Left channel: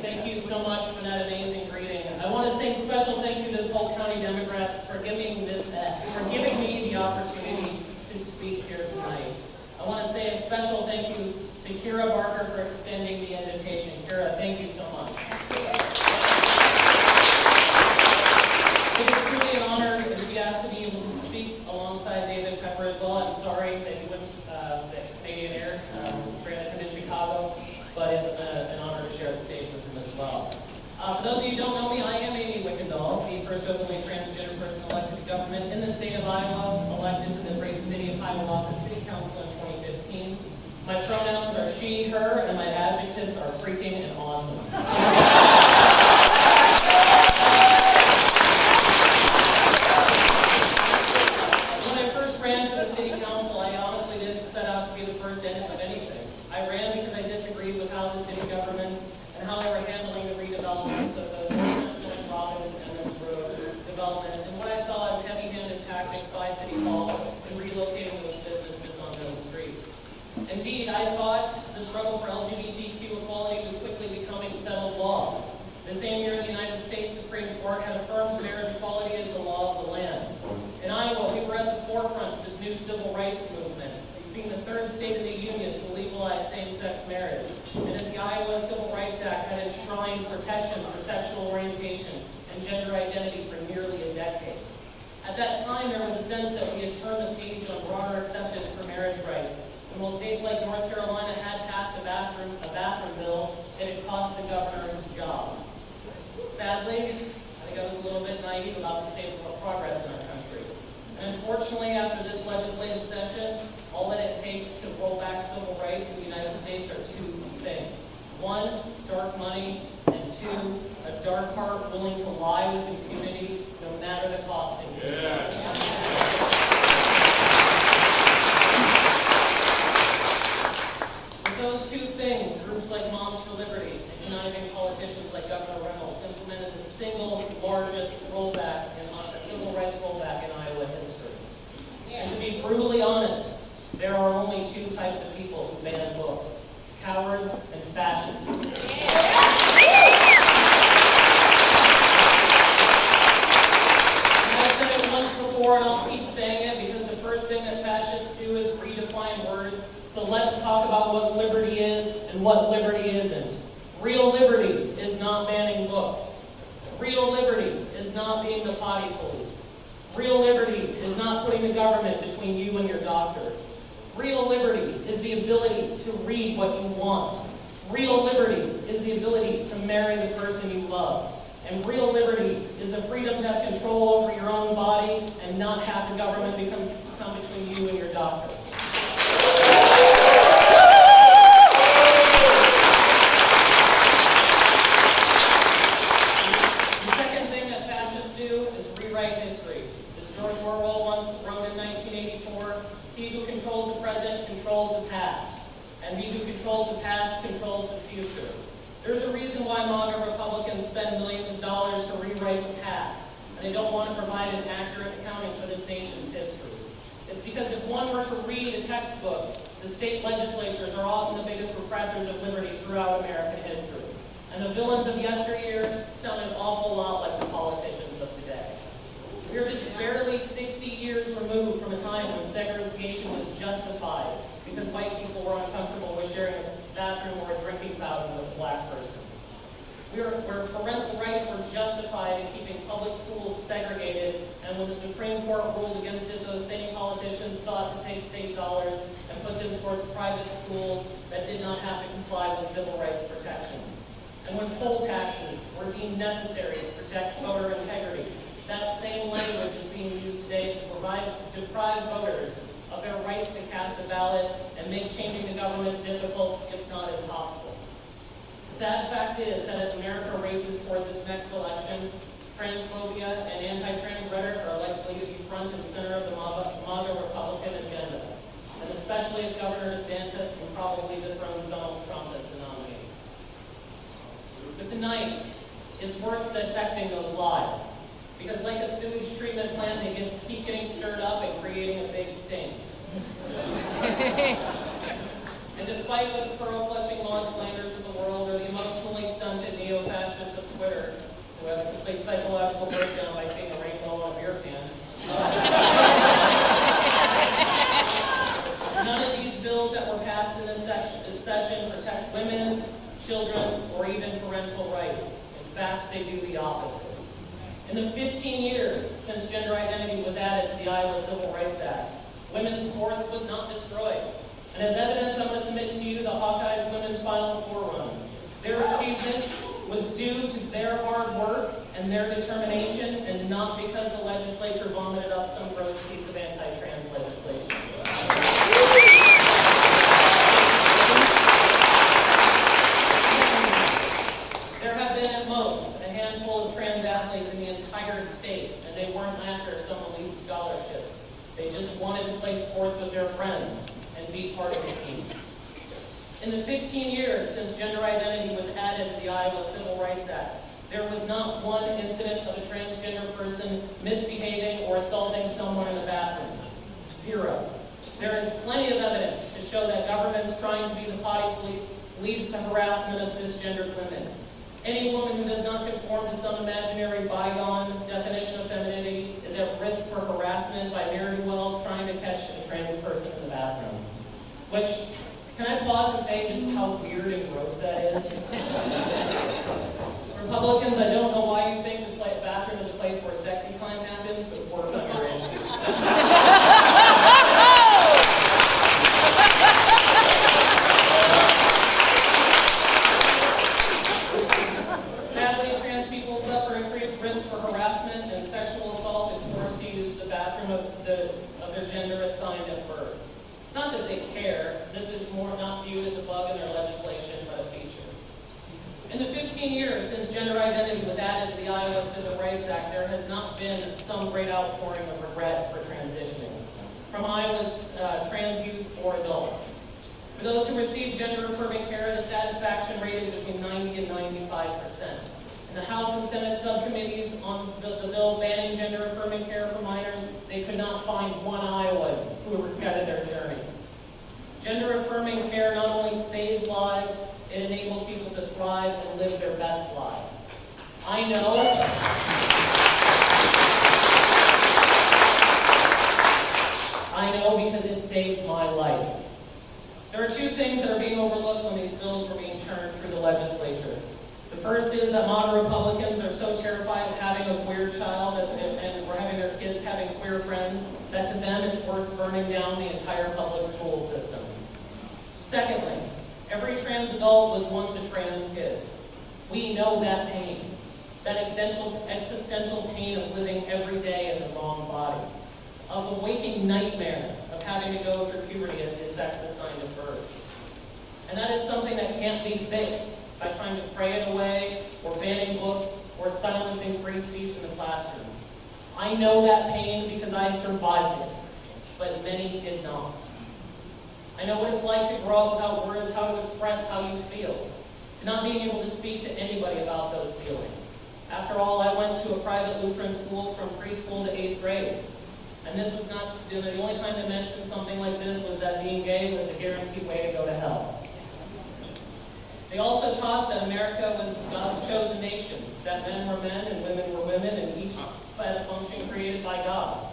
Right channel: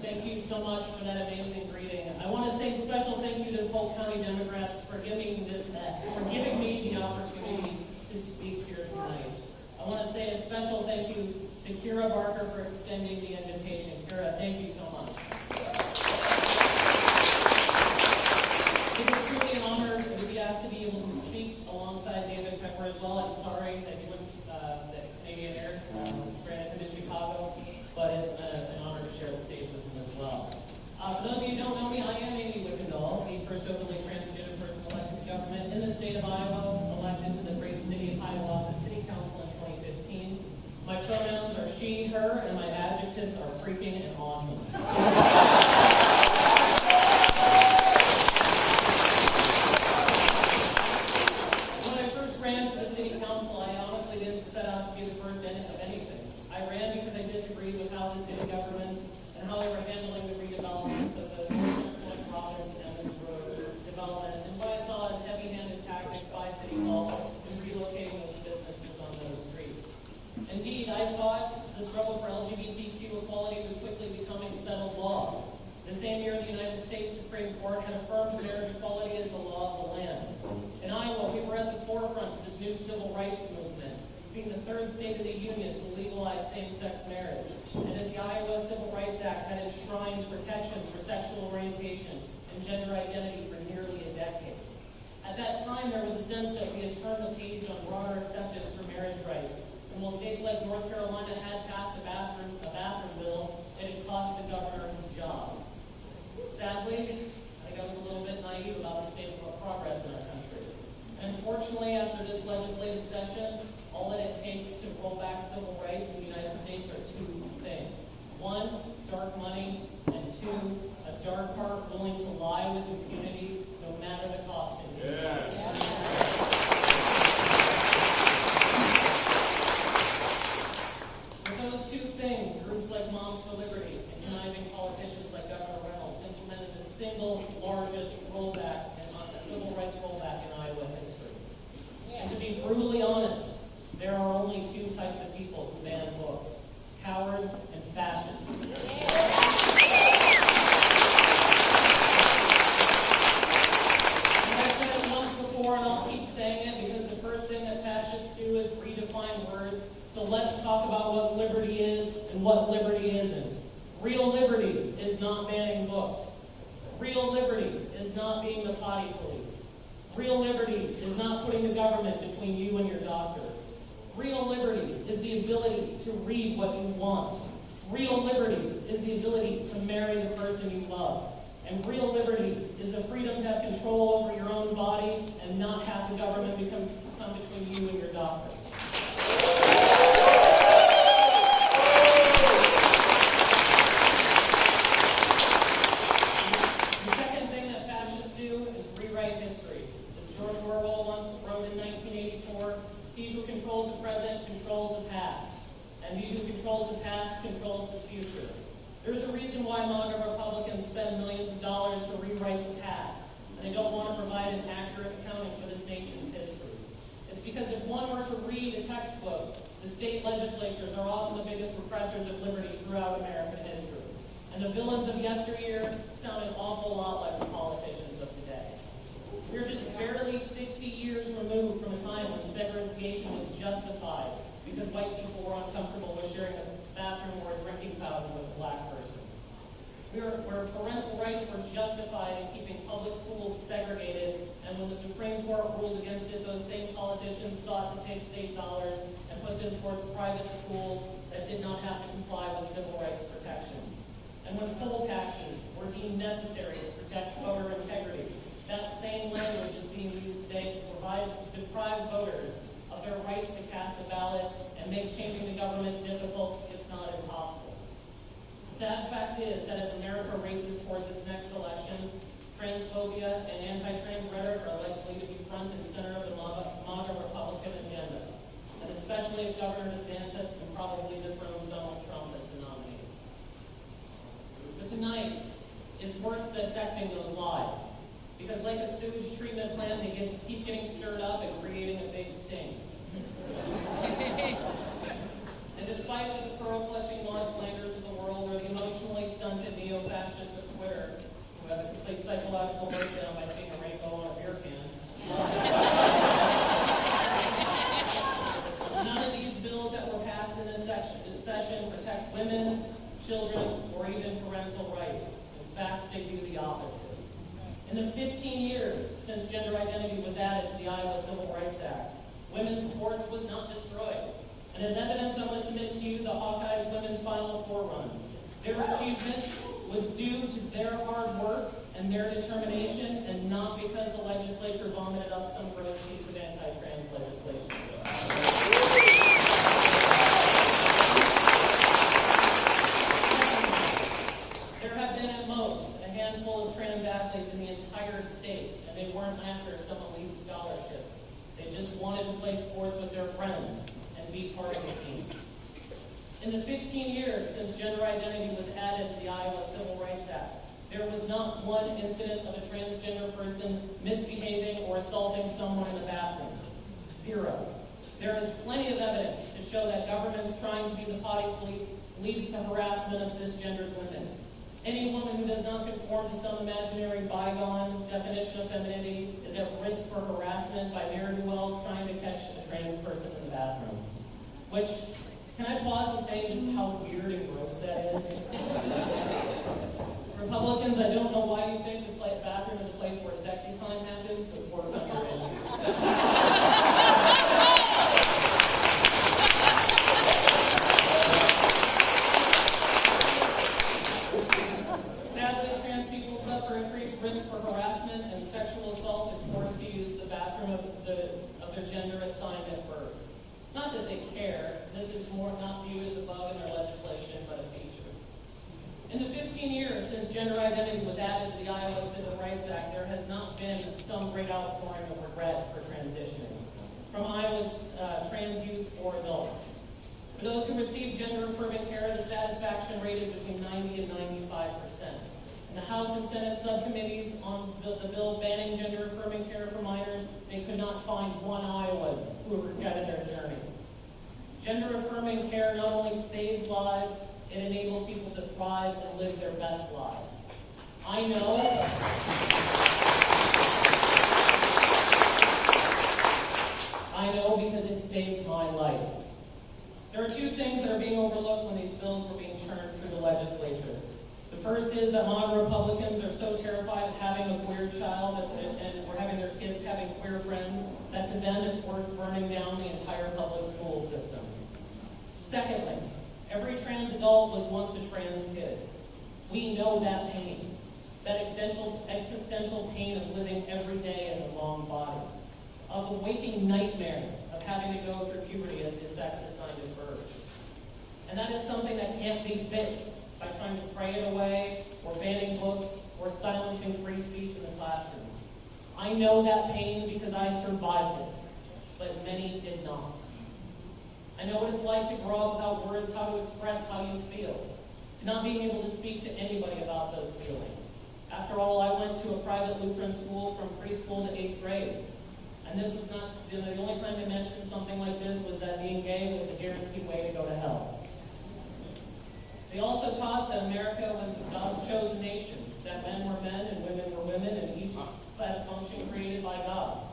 Thank you so much for that amazing greeting. I want to say a special thank you to the Polk County Democrats for giving me the opportunity to speak here tonight. I want to say a special thank you to Kira Barker for extending the invitation. Kira, thank you so much. It is truly an honor to be asked to be able to speak alongside David Pepper as well. I'm sorry that he wouldn't, that Canadian Air stranded him in Chicago, but it's an honor to share the stage with him as well. For those of you who don't know me, I am Amy Wickendahl, the first openly transgender person elected to government in the state of Iowa, elected to the great city of Hiawatha City Council in 2015. My pronouns are she, her, and my adjectives are freaking and awesome. When I first ran for the city council, I honestly didn't set out to be the first in it of anything. I ran because I disagreed with how the city government and how they were handling the redevelopment of the Robbins and Emmons Road development, and what I saw as heavy-handed tactics by City Hall in relocating those businesses on those streets. Indeed, I thought the struggle for LGBTQ equality was quickly becoming settled law. The same year, the United States Supreme Court had affirmed marriage equality as the law of the land. In Iowa, we were at the forefront of this new civil rights movement, being the third state in the union to legalize same-sex marriage. And as the Iowa Civil Rights Act had enshrined protections for sexual orientation and gender identity for nearly a decade. At that time, there was a sense that we had turned the page on broader acceptance for marriage rights. And while states like North Carolina had passed a bathroom bill, it had cost the governor his job. Sadly, I think I was a little bit naive about the state of progress in our country. And unfortunately, after this legislative session, all that it takes to roll back civil rights in the United States are two things. One, dark money, and two, a dark heart willing to lie with impunity, no matter the cost. With those two things, groups like Moms for Liberty and conniving politicians like Governor Reynolds implemented the single largest rollback in civil rights rollback in Iowa history. And to be brutally honest, there are only two types of people who ban books: cowards and fascists. And I've said it once before, and I'll keep saying it, because the first thing that fascists do is redefine words. So let's talk about what liberty is and what liberty isn't. Real liberty is not banning books. Real liberty is not being the potty police. Real liberty is not putting the government between you and your doctor. Real liberty is the ability to read what you want. Real liberty is the ability to marry the person you love. And real liberty is the freedom to have control over your own body and not have the government come between you and your doctor. The second thing that fascists do is rewrite history. As George Orwell once wrote in 1984, he who controls the present controls the past, and he who controls the past controls the future. There's a reason why MAGA Republicans spend millions of dollars to rewrite the past, and they don't want to provide an accurate accounting for this nation's history. It's because if one were to read a textbook, the state legislatures are often the biggest repressors of liberty throughout American history. And the villains of yesteryear sound an awful lot like the politicians of today. We are just barely 60 years removed from a time when segregation was justified because white people were uncomfortable with sharing a bathroom or a drinking fountain with a black person. Where parental rights were justified in keeping public schools segregated, and when the Supreme Court ruled against it, those same politicians sought to take state dollars and put them towards private schools that did not have to comply with civil rights protections. And when poll taxes were deemed necessary to protect voter integrity, that same language is being used today to deprive voters of their rights to cast a ballot and make changing the government difficult, if not impossible. The sad fact is that as America races towards its next election, transphobia and anti-trans rhetoric are likely to be front and center of the MAGA Republican agenda, and especially if Governor DeSantis and probably dethrones Donald Trump as the nominee. But tonight, it's worth dissecting those lies, because like a sewage treatment plant, they keep getting stirred up and creating a big stink. And despite the pearl-clutching Mark Flanders of the world or the emotionally stunted neo Twitter who have a complete psychological breakdown by seeing a rainbow on a beer can. None of these bills that were passed in this session protect women, children, or even parental rights. In fact, they do the opposite. In the 15 years since gender identity was added to the Iowa Civil Rights Act, women's sports was not destroyed. And as evidence, I'm going to submit to you the Hawkeyes women's Final Four run. Their achievement was due to their hard work and their determination, and not because the legislature vomited up some gross piece of anti-trans legislation. There have been at most a handful of trans athletes in the entire state, and they weren't after some elite scholarships. They just wanted to play sports with their friends and be part of the team. In the 15 years since gender identity was added to the Iowa Civil Rights Act, there was not one incident of a transgender person misbehaving or assaulting someone in the bathroom. Zero. There is plenty of evidence to show that governments trying to be the potty police leads to harassment of cisgendered women. Any woman who does not conform to some imaginary bygone definition of femininity is at risk for harassment by ne'er-do-wells trying to catch a trans person in the bathroom. Which, can I pause and say just how weird and gross that is? Republicans, I don't know why you think the bathroom is a place where sexy time happens, but work on your issues. Sadly, trans people suffer increased risk for harassment and sexual assault if forced to use the bathroom of their gender assigned at birth. Not that they care, this is more not viewed as a bug in their legislation, but a feature. In the 15 years since gender identity was added to the Iowa Civil Rights Act, there has not been some great outpouring of regret for transitioning from Iowa's trans youth or adults. For those who receive gender-affirming care, the satisfaction rate is between 90 and 95%. In the House and Senate subcommittees on the bill banning gender-affirming care for minors, they could not find one Iowan who regretted their journey. Gender-affirming care not only saves lives, it enables people to thrive and live their best lives. I know because it saved my life. There are two things that are being overlooked when these bills were being churned through the legislature. The first is that modern Republicans are so terrified of having a queer child and or having their kids having queer friends that to them it's worth burning down the entire public school system. Secondly, every trans adult was once a trans kid. We know that pain, that existential pain of living every day in the wrong body, of the waking nightmare of having to go through puberty as the sex assigned at birth. And that is something that can't be fixed by trying to pray it away, or banning books, or silencing free speech in the classroom. I know that pain because I survived it, but many did not. I know what it's like to grow up without words how to express how you feel, to not being able to speak to anybody about those feelings. After all, I went to a private Lutheran school from preschool to 8th grade. And this was not, the only time they mentioned something like this was that being gay was a guaranteed way to go to hell. They also taught that America was God's chosen nation, that men were men and women were women, and each had a function created by God.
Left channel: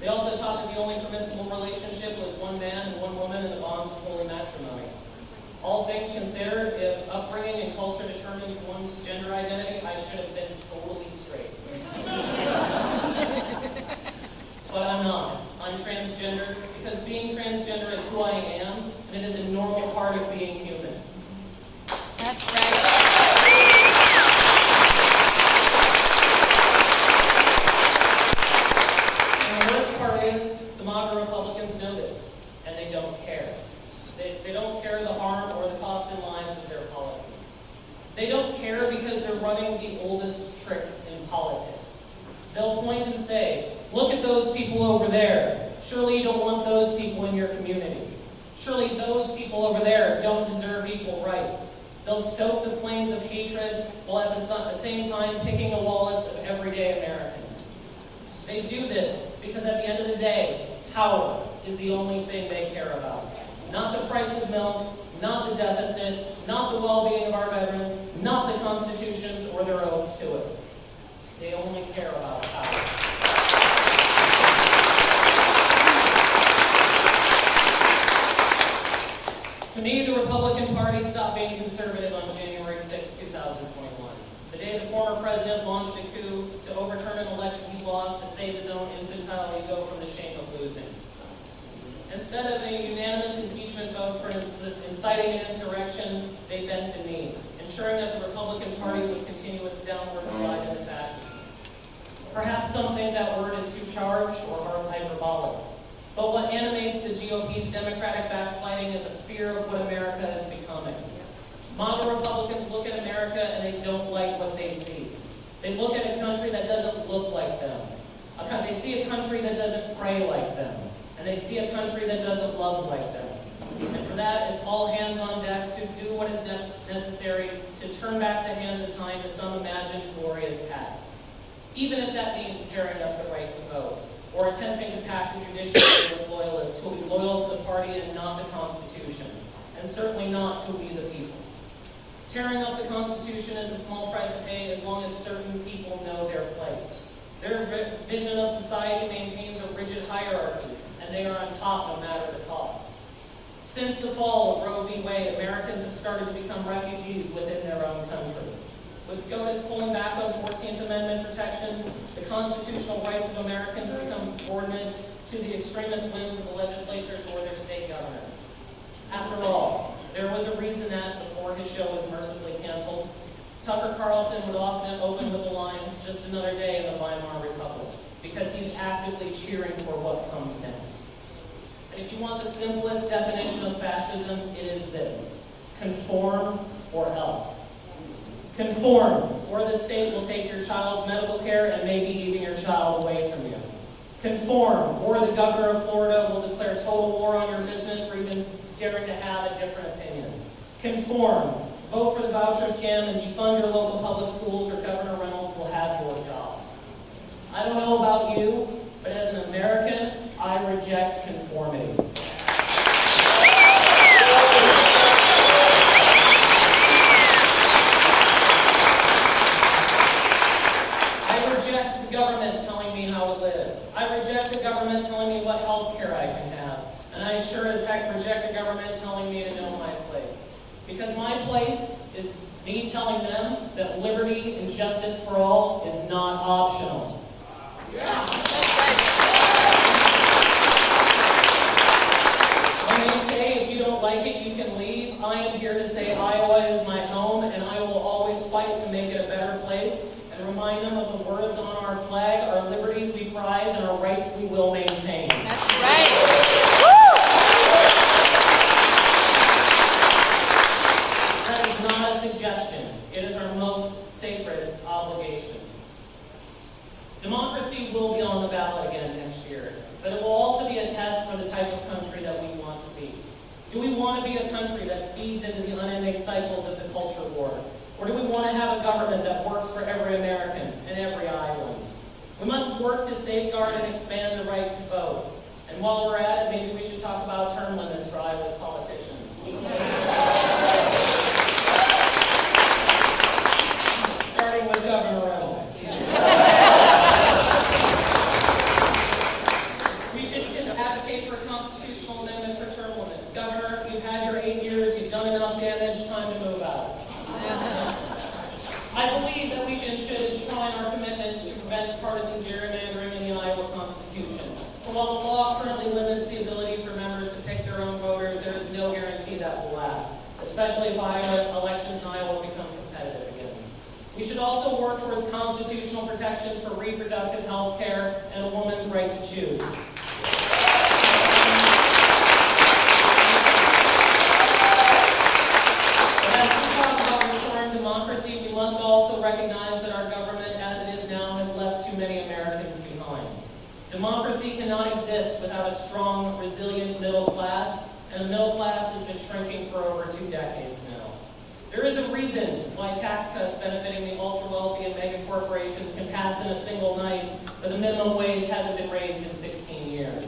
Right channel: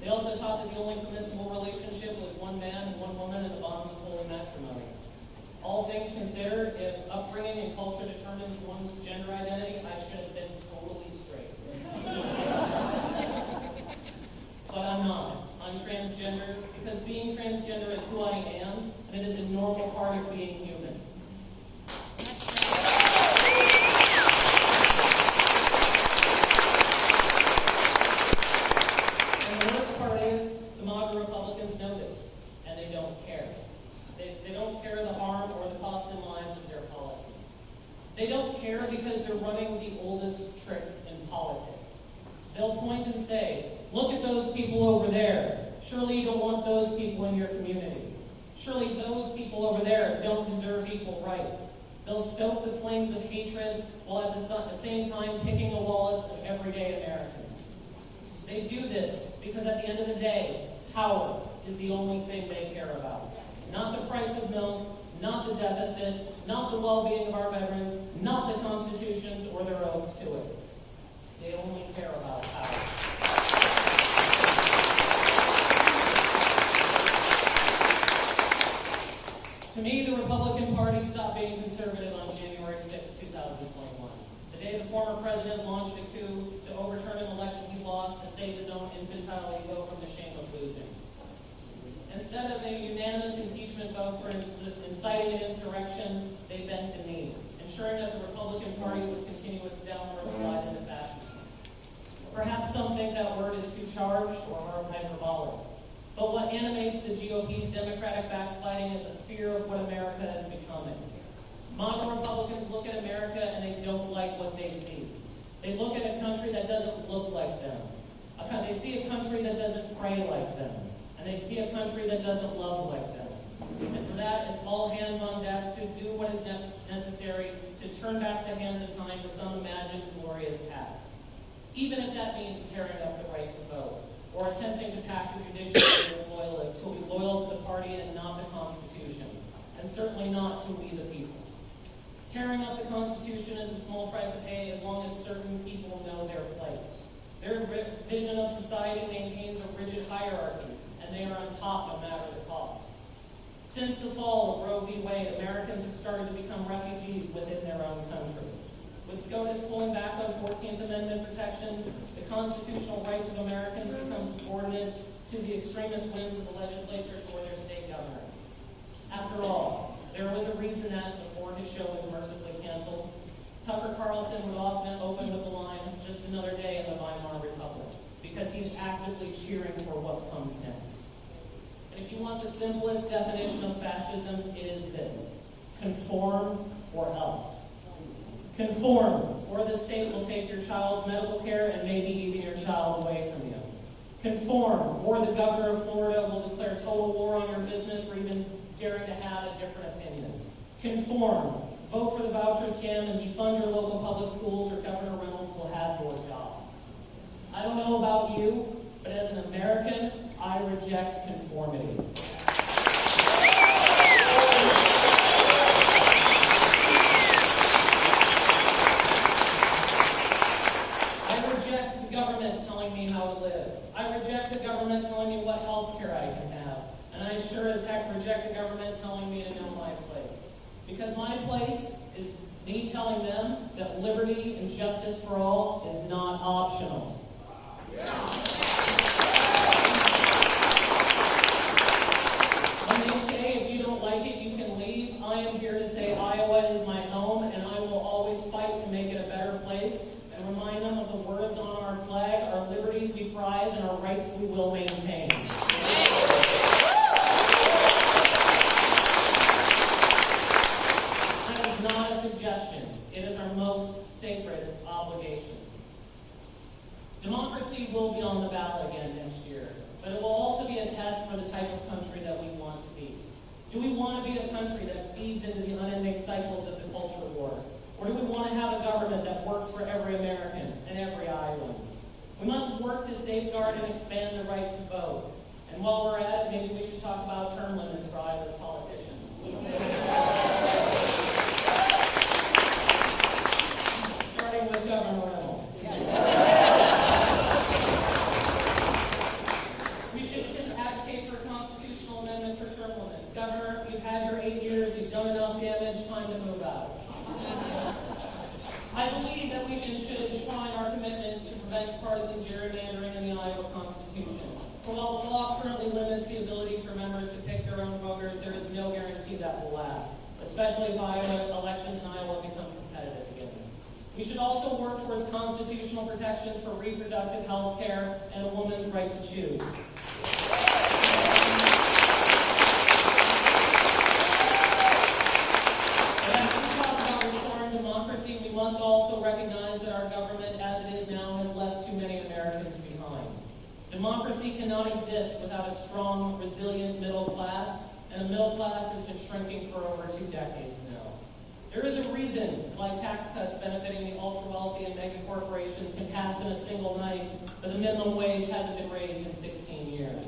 They also taught that the only permissible relationship was one man and one woman in the bonds of holy matrimony. All things considered, if upbringing and culture determines one's gender identity, I should have been totally straight. But I'm not. I'm transgender because being transgender is who I am, and it is a normal part of being human. That's right. And the worst part is, the MAGA Republicans know this, and they don't care. They don't care the harm or the cost in lives of their policies. They don't care because they're running the oldest trick in politics. They'll point and say, look at those people over there. Surely you don't want those people in your community. Surely those people over there don't deserve equal rights. They'll stoke the flames of hatred while at the same time picking the wallets of everyday Americans. They do this because at the end of the day, power is the only thing they care about. Not the price of milk, not the deficit, not the well-being of our veterans, not the constitutions or their oaths to only care about power. To me, the Republican Party stopped being conservative on January 6, 2021. The day the former president launched a coup to overturn an election he lost to save his own infantile ego from the shame of losing. Instead of a unanimous impeachment vote for inciting an insurrection, they bent the knee, ensuring that the Republican Party would continue its downward slide into fascism. Perhaps some think that word is too charged or hyperbolic. But what animates the GOP's Democratic backsliding is a fear of what America is becoming. Modern Republicans look at America and they don't like what they see. They look at a country that doesn't look like them. They see a country that doesn't pray like them. And they see a country that doesn't love like them. And for that, it's all hands on deck to do what is necessary to turn back the hands of time to some imagined glorious past. Even if that means tearing up the right to vote, or attempting to pack the judiciary with loyalists who will be loyal to the party and not the Constitution, and certainly not to we the people. Tearing up the Constitution is a small price to pay as long as certain people know their place. Their vision of society maintains a rigid hierarchy, and they are on top no matter the cost. Since the fall of Roe v. Wade, Americans have started to become refugees within their own country. With SCOTUS pulling back on 14th Amendment protections, the constitutional rights of Americans become subordinate to the extremist whims of the legislatures or their state governors. After all, there was a reason that, before his show was mercifully canceled, Tucker Carlson would often open with the line, "Just another day in the Weimar Republic," because he's actively cheering for what comes next. And if you want the simplest definition of fascism, it is this: conform or else. Conform, or the state will take your child's medical care and maybe even your child away from you. Conform, or the governor of Florida will declare total war on your business for even daring to have a different opinion. Conform, vote for the voucher scam and defund your local public schools, or Governor Reynolds will have your job. I don't know about you, but as an American, I reject conformity. Government telling me how to live. I reject the government telling me what health care I can have. And I sure as heck reject the government telling me to know my place. Because my place is me telling them that liberty and justice for all is not optional. When they say if you don't like it, you can leave, I am here to say Iowa is my home, and I will always fight to make it a better place. Remind them of the words on our flag: our liberties we prize and our rights we will maintain. That's right. That is not a suggestion. It is our most sacred obligation. Democracy will be on the ballot again next year, but it will also be a test for the type of country that we want to be. Do we want to be a country that feeds into the unending cycles of the culture war? Or do we want to have a government that works for every American and every Iowan? We must work to safeguard and expand the right to vote. And while we're at it, maybe we should talk about term limits for Iowa's politicians. Starting with Governor Reynolds. We should advocate for a constitutional amendment for term limits. Governor, you've had your 8 years, you've done enough damage, time to move out. I believe that we should enshrine our commitment to prevent partisan gerrymandering in the Iowa Constitution. For while the law currently limits the ability for members to pick their own voters, there is no guarantee that will last, especially if elections in Iowa become competitive again. We should also work towards constitutional protections for reproductive health care and a woman's right to choose. Democracy, we must also recognize that our government, as it is now, has left too many Americans behind. Democracy cannot exist without a strong, resilient middle class, and a middle class has been shrinking for over 2 decades now. There is a reason why tax cuts benefiting the ultra-wealthy and mega corporations can pass in a single night, but the minimum wage hasn't been raised in 16 years.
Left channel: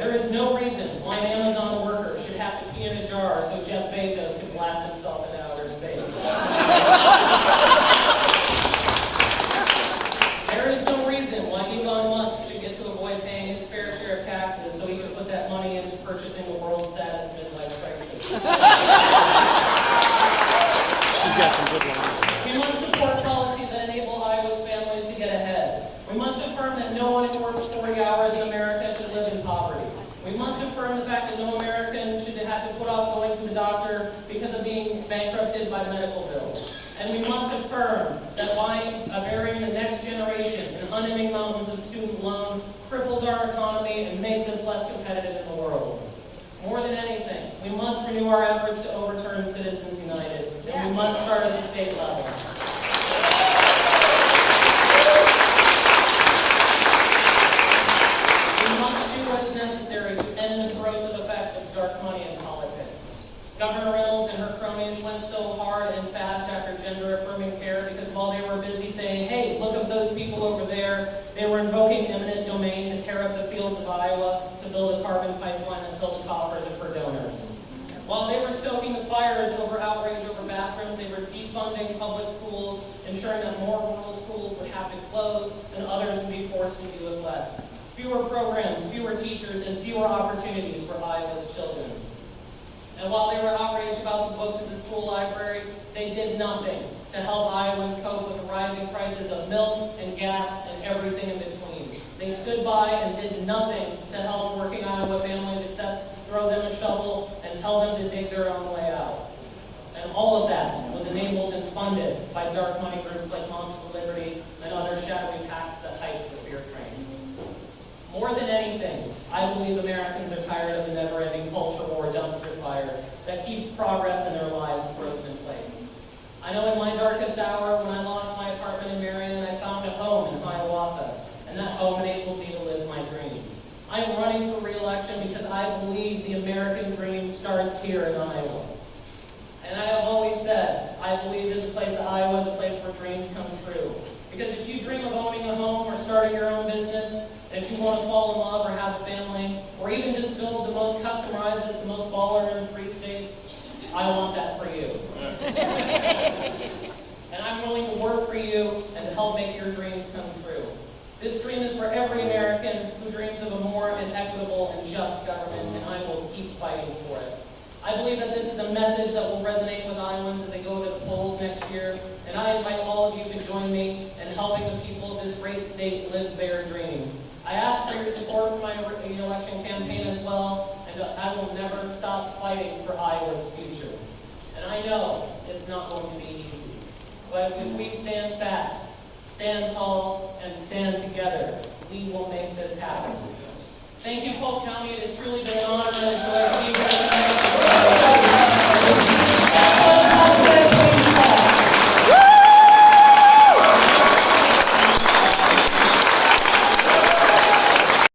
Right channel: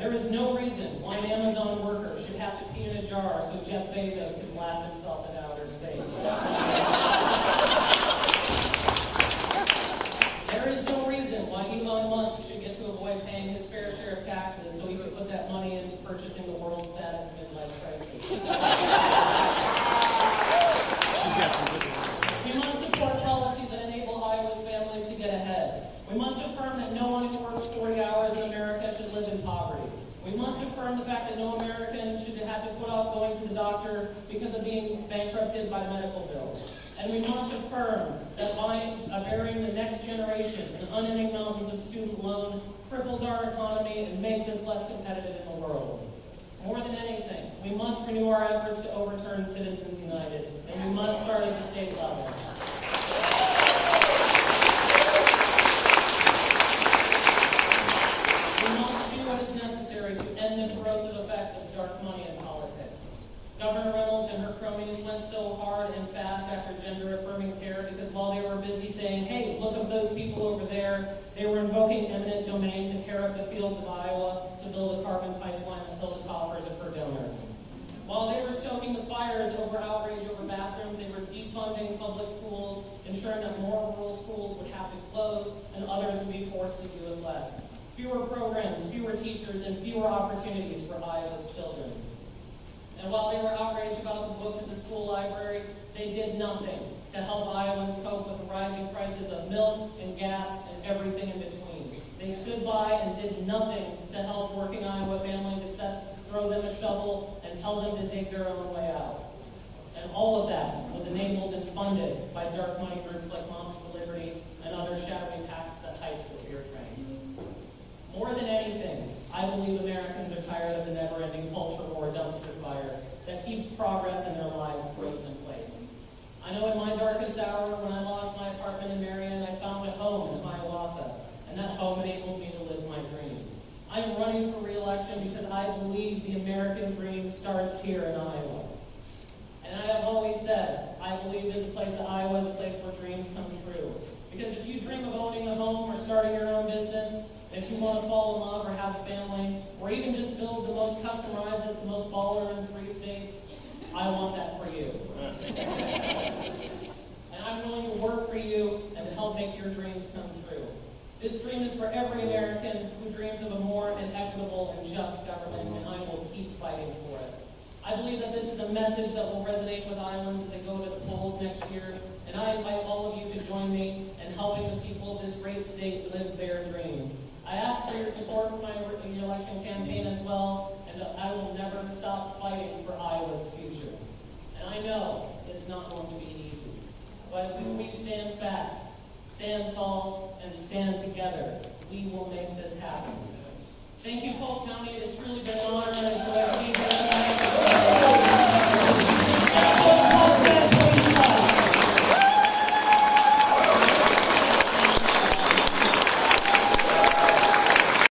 There is no reason why an Amazon worker should have to pee in a jar so Jeff Bezos can blast himself world's saddest midlife crisis. She's got some good ones. We must support policies that enable Iowa's families to get ahead. We must affirm that no one who works 40 hours in America should live in poverty. We must affirm the fact that no American should have to put off going to the doctor because of being bankrupted by medical bills. And we must affirm that burying the next generation in unending mountains of student loan cripples our economy and makes us less competitive in the world. More than anything, we must renew our efforts to overturn Citizens United, and we must start at the state level. We must do what is necessary to end the corrosive effects of dark money in politics. Governor Reynolds and her cronies went so hard and fast after gender-affirming care because while they were busy saying, hey, look at those people over there, they were invoking eminent domain to tear up the fields of Iowa to build a carbon pipeline that filled the coffers of her donors. While they were stoking the fires over outrage over bathrooms, they were defunding public schools, ensuring that more rural schools would have to close and others would be forced to do with less. Fewer programs, fewer teachers, and fewer opportunities for Iowa's children. And while they were outraged about the books at the school library, they did nothing to help Iowans cope with the rising prices of milk and gas and everything in between. They stood by and did nothing to help working Iowa families except throw them a shovel and tell them to dig their own way out. And all of that was enabled and funded by dark money groups like Moms for Liberty and other shadowy PACs that hike the fear trains. More than anything, I believe Americans are tired of the never-ending culture war dumpster fire that keeps progress in their lives frozen in place. I know in my darkest hour, when I lost my apartment in Marion, I found a home in Hiawatha, and that home enabled me to live my dreams. I am running for re-election because I believe the American dream starts here in Iowa. And I have always said, I believe there's a place that Iowa is a place where dreams come true. Because if you dream of owning a home or starting your own business, and if you want to fall in love or have a family, or even just build the most custom rides that's the most baller in 3 states, I want that for you. And I'm willing to work for you and to help make your dreams come true. This dream is for every American who dreams of a more equitable and just government, and I will keep fighting for it. I believe that this is a message that will resonate with Iowans as they go to the polls next year, and I invite all of you to join me in helping the people of this great state live their dreams. I ask for your support for my election campaign as well, and I will never stop fighting for Iowa's future. And I know it's not going to be easy, but if we stand fast, stand tall, and stand together, we will make this happen. Thank you, Polk County. It has truly been